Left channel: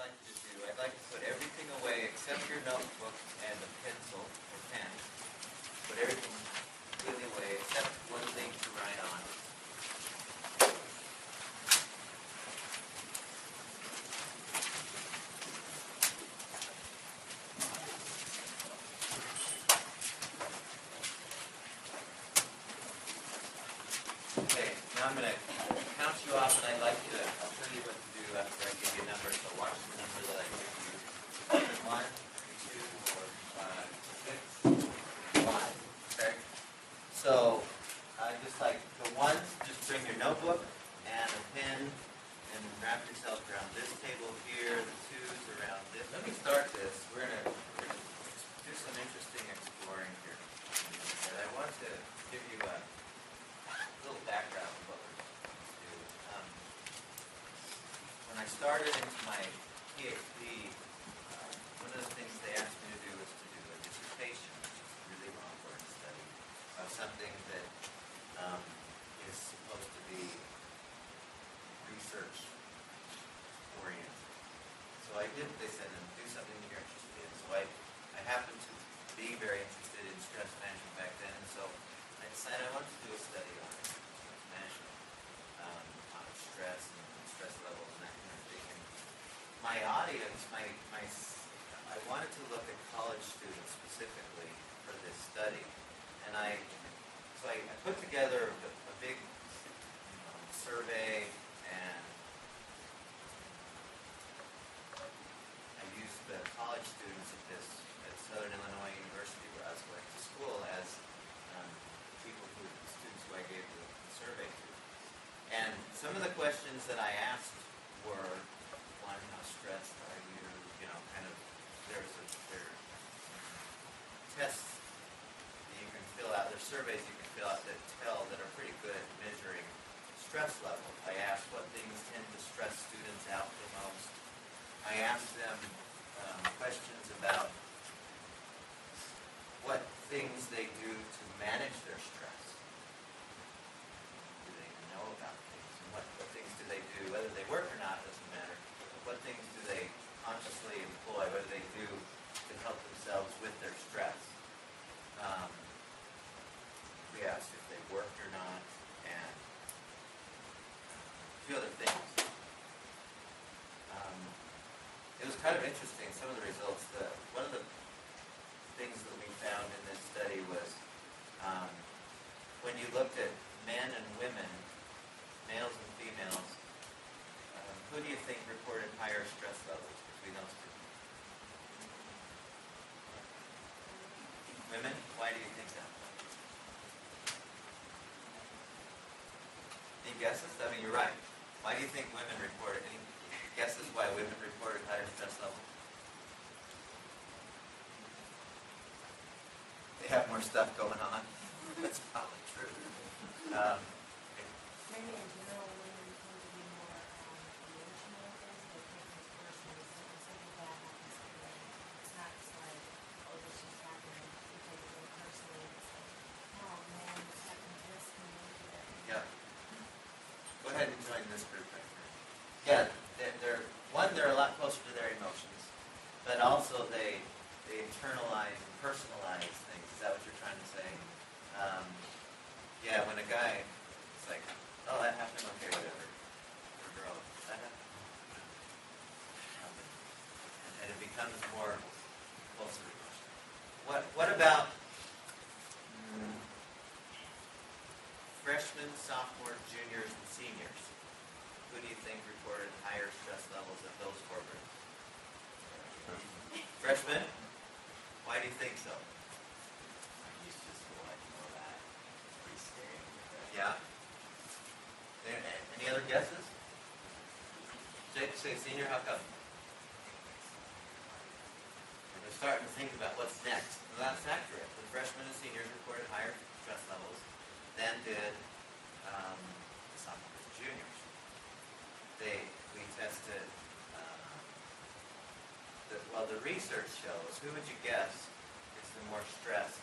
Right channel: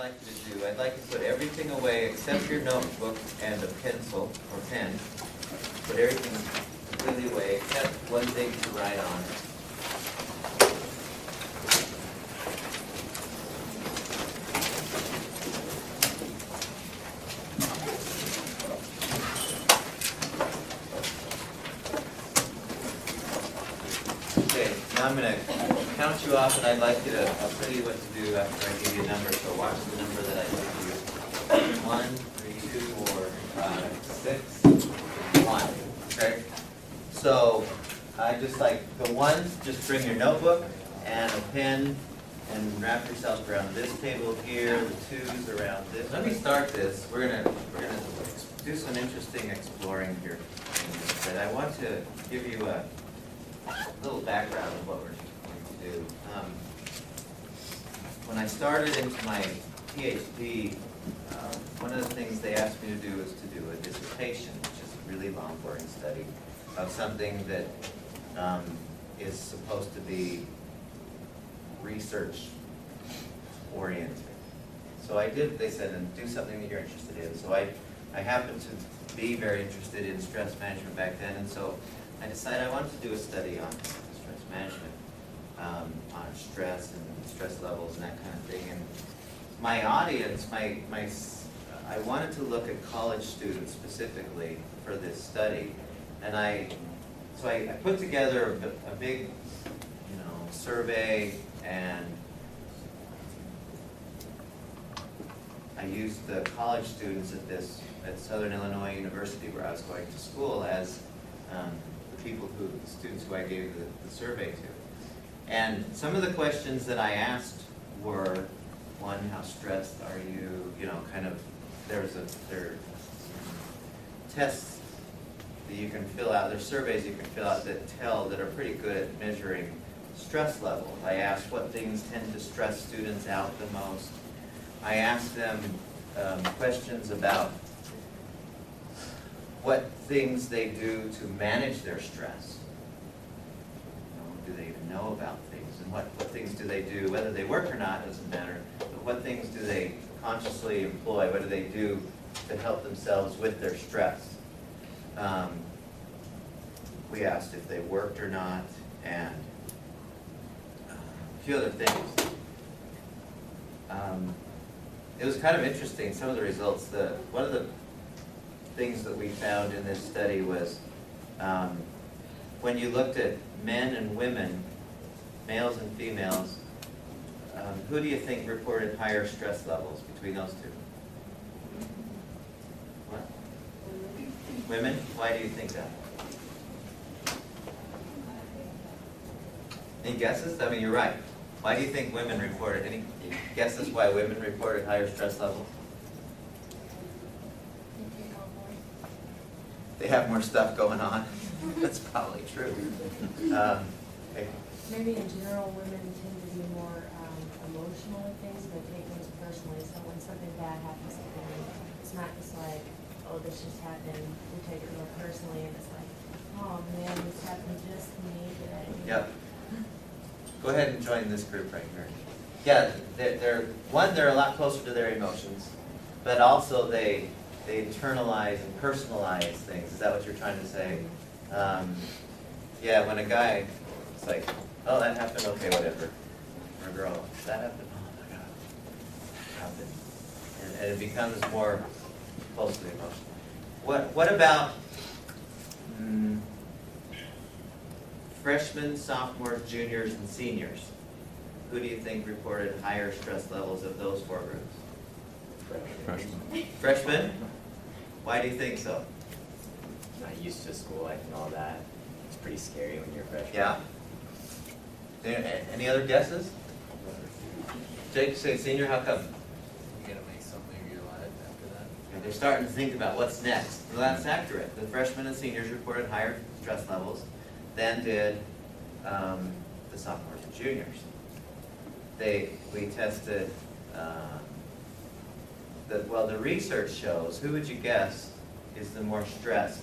like you to do. I'd like you to put everything away except your notebook and a pencil or pen. Put everything completely away except one thing to write on. Okay, now I'm going to count you off, and I'd like you to, I'll tell you what to do after I give you a number, so watch the number that I give you. 1, 3, 2, 4, 5, 6, 1. Okay? So, I just like the ones, just bring your notebook and a pen and wrap yourself around this table here, the twos around this. Let me start this. We're gonna do some interesting exploring here. But I want to give you a little background of what we're going to do. When I started into my PhD, one of the things they asked me to do was to do a dissertation, which is a really long, boring study of something that is supposed to be research-oriented. So I did, they said, and do something that you're interested in. So I happened to be very interested in stress management back then, and so I decided I wanted to do a study on stress management, on stress and stress levels and that kind of thing. And my audience, I wanted to look at college students specifically for this study, and so I put together a big, survey, and I used the college students at Southern Illinois University, where I was going to school, as the students who I gave the survey to. And some of the questions that I asked were, one, how stressed are you? There are tests that you can fill out, there's surveys you can fill out that are pretty good at measuring stress level. I asked what things tend to stress students out the most. I asked them questions about what things they do to manage their stress. Do they even know about things? And what things do they do? Whether they work or not doesn't matter. But what things do they consciously employ? What do they do to help themselves with their stress? We asked if they worked or not, and a few other things. It was kind of interesting, some of the results. One of the things that we found in this study was when you looked at men and women, males and females, who do you think reported higher stress levels between those two? What? Women? Why do you think that? Any guesses? I mean, you're right. Why do you think women reported? Any guesses why women reported higher stress levels? They have more stuff going on. That's probably true. Maybe in general, women tend to be more emotional with things. They take things personally. So when something bad happens to them, it's not just like, oh, this just happened. We take it real personally, and it's like, oh man, this happened just to me today. Yep. Go ahead and join this group right here. Yeah, they're a lot closer to their emotions, but also they internalize and personalize things. Is that what you're trying to say? Yeah, when a guy, it's like, oh, that happened, okay, whatever. Or a girl, that happened, oh my God, that happened. And it becomes more closely emotional. What about freshmen, sophomores, juniors, and seniors? Who do you think reported higher stress levels of those four groups? Freshman. Freshmen? Why do you think so? Not used to school life and all that. It's pretty scary when you're a freshman. Yeah. Any other guesses? Jake, say senior, how come? And they're starting to think about what's next. Well, that's accurate. The freshmen and seniors reported higher stress levels than did the sophomores and juniors. We tested, the research shows, who would you guess is the more stressed?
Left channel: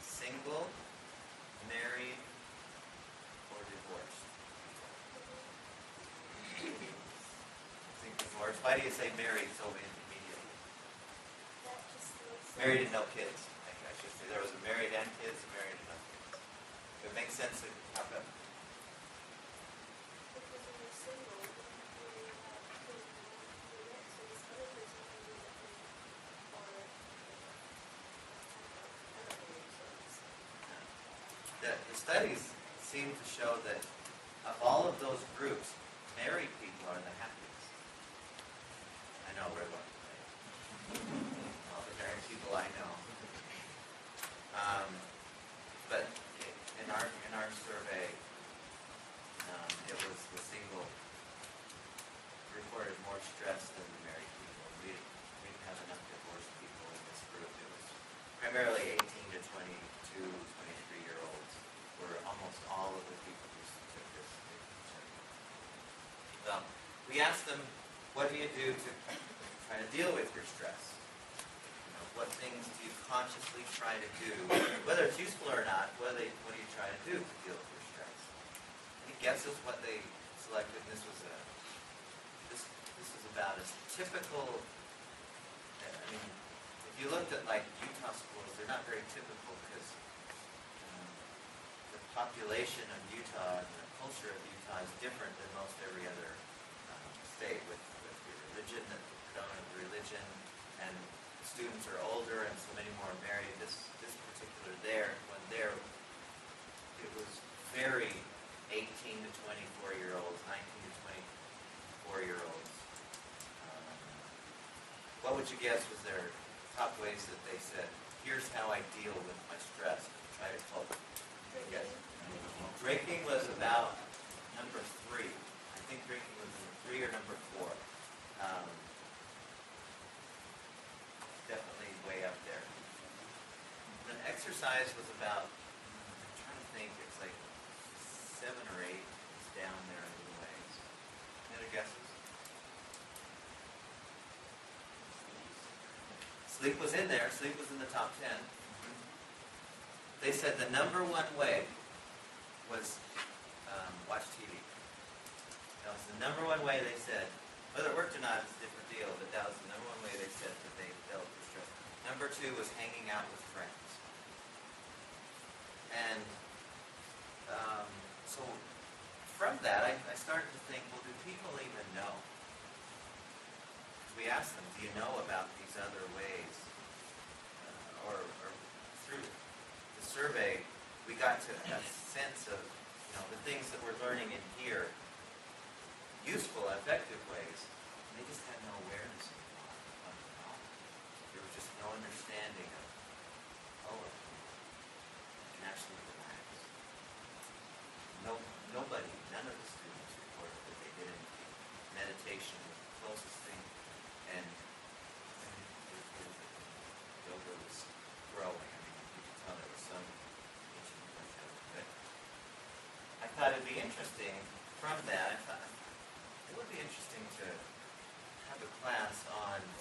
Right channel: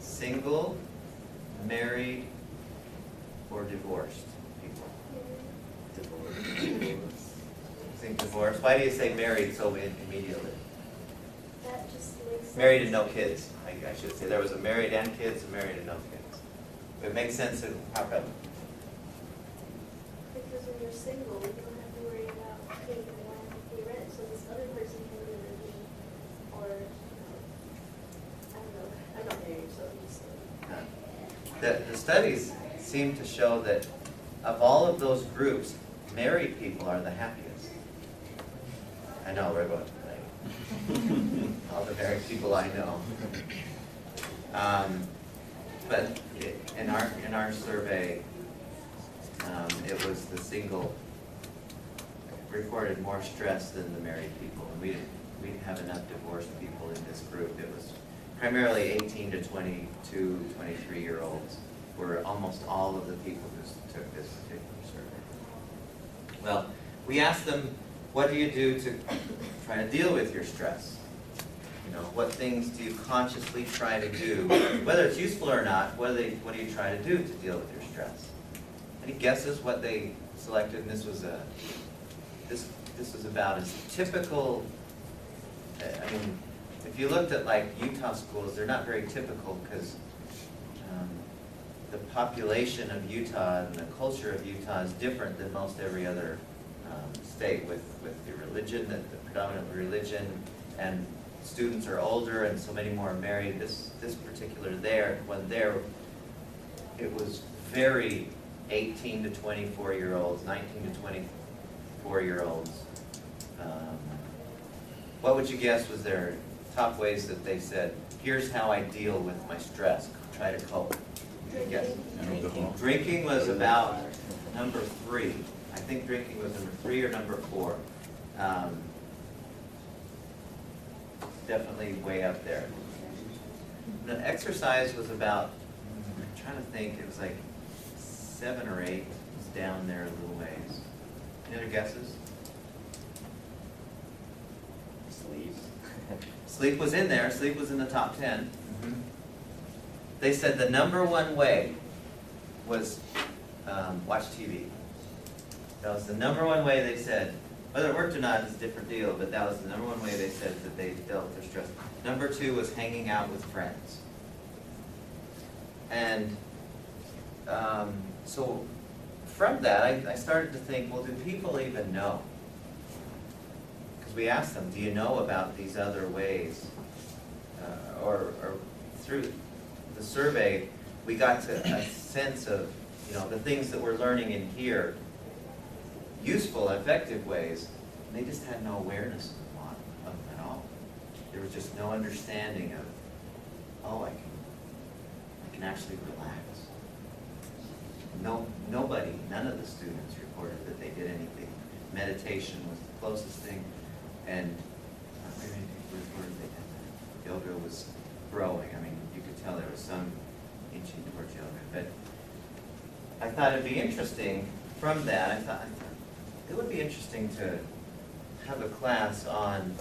Single, married, or divorced people? I think divorced? Why do you say married so immediately? That just makes sense. Married and no kids, I should say. There was a married and kids, a married and no kids. It makes sense. How come? Because when you're single, you don't have to worry about paying the monthly rent, so this other person can be living, or, I don't know, I'm not married, so I'm just saying. The studies seem to show that of all of those groups, married people are the happiest. I know, we're going to all the married people I know. But in our survey, it was the single reported more stress than the married people. And we didn't have enough divorced people in this group. It was primarily 18 to 22, 23-year-olds were almost all of the people who took this particular survey. Well, we asked them, what do you do to try to deal with your stress? You know, what things do you consciously try to do, whether it's useful or not, what do you try to do to deal with your stress? Any guesses what they selected? And this was about as typical, I mean, if you looked at like Utah schools, they're not very typical because the population of Utah and the culture of Utah is different than most every other state with the religion, the predominant religion, and students are older and so many more are married. This particular one there, it was very 18 to 24-year-olds, 19 to 24-year-olds. What would you guess was their top ways that they said, here's how I deal with my stress, try to cope? Yes. Drinking was about number 3. I think drinking was number 3 or number 4. Definitely way up there. The exercise was about, I'm trying to think, it was like 7 or 8. It's down there a little ways. Any other guesses? Sleep was in there. Sleep was in the top 10. They said the number one way was watch TV. That was the number one way they said. Whether it worked or not is a different deal, but that was the number one way they said that they dealt with their stress. Number 2 was hanging out with friends. And so from that, I started to think, well, do people even know? Because we asked them, do you know about these other ways? Or through the survey, we got to a sense of, you know, the things that we're learning in here, useful, effective ways, and they just had no awareness of them at all. There was just no understanding of, oh, I can actually relax. Nobody, none of the students reported that they did anything. Meditation was the closest thing, and I mean, reported that yoga was growing. I mean, you could tell there was some inching towards yoga. But I thought it'd be interesting from that. I thought it would be interesting to have a class on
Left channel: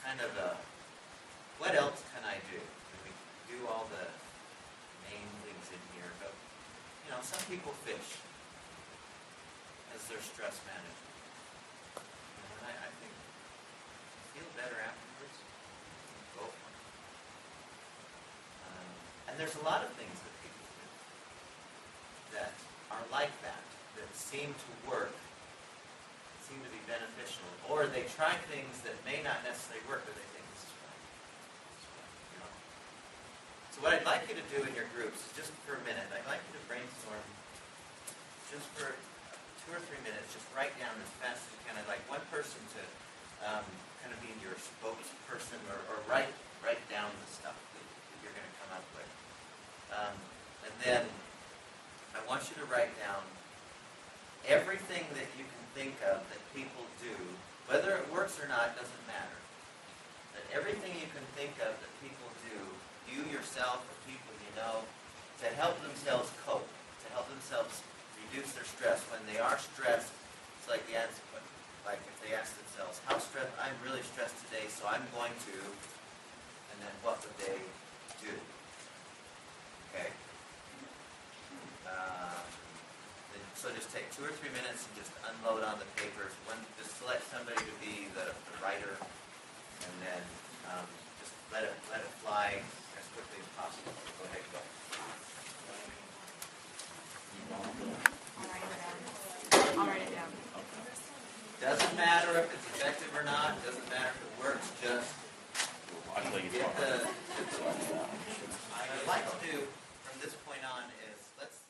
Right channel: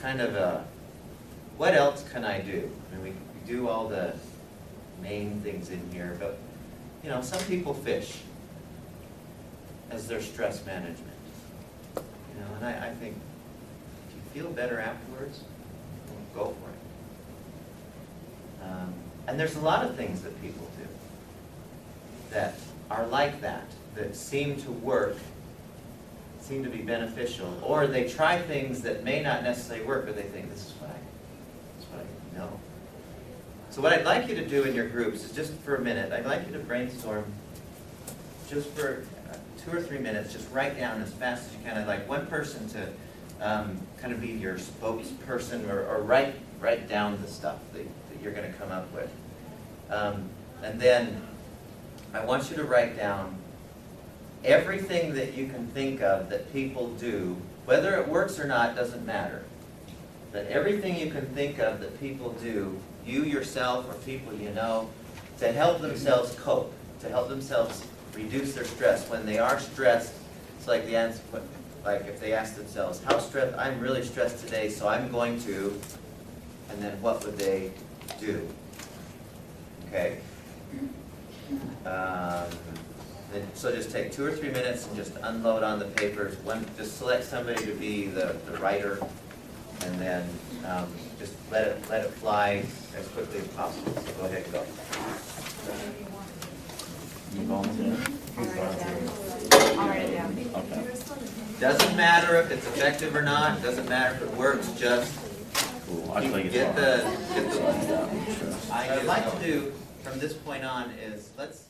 kind of a, what else can I do? I mean, we do all the main things in here, but you know, some people fish as their stress management. You know, and I think if you feel better afterwards, go for it. And there's a lot of things that people do that are like that, that seem to work, seem to be beneficial, or they try things that may not necessarily work, but they think, this is what I know. So what I'd like you to do in your groups is just for a minute, I'd like you to brainstorm just for 2 or 3 minutes, just write down as fast as you can. I'd like one person to kind of be your spokesperson or write down the stuff that you're going to come up with. And then I want you to write down everything that you can think of that people do, whether it works or not doesn't matter. That everything you can think of that people do, you yourself or people you know, to help themselves cope, to help themselves reduce their stress. When they are stressed, it's like the answer, like if they ask themselves, how stressed, I'm really stressed today, so I'm going to, and then what would they do? Okay? So just take 2 or 3 minutes and just unload on the papers. Just select somebody to be the writer, and then just let it fly as quickly as possible. So go ahead and go. You volunteer? I'll write it down. Okay. Doesn't matter if it's effective or not. Doesn't matter if it works. Just Cool. I think it's get hard. the. Yeah, sure. What I'd like to do from this point on is let's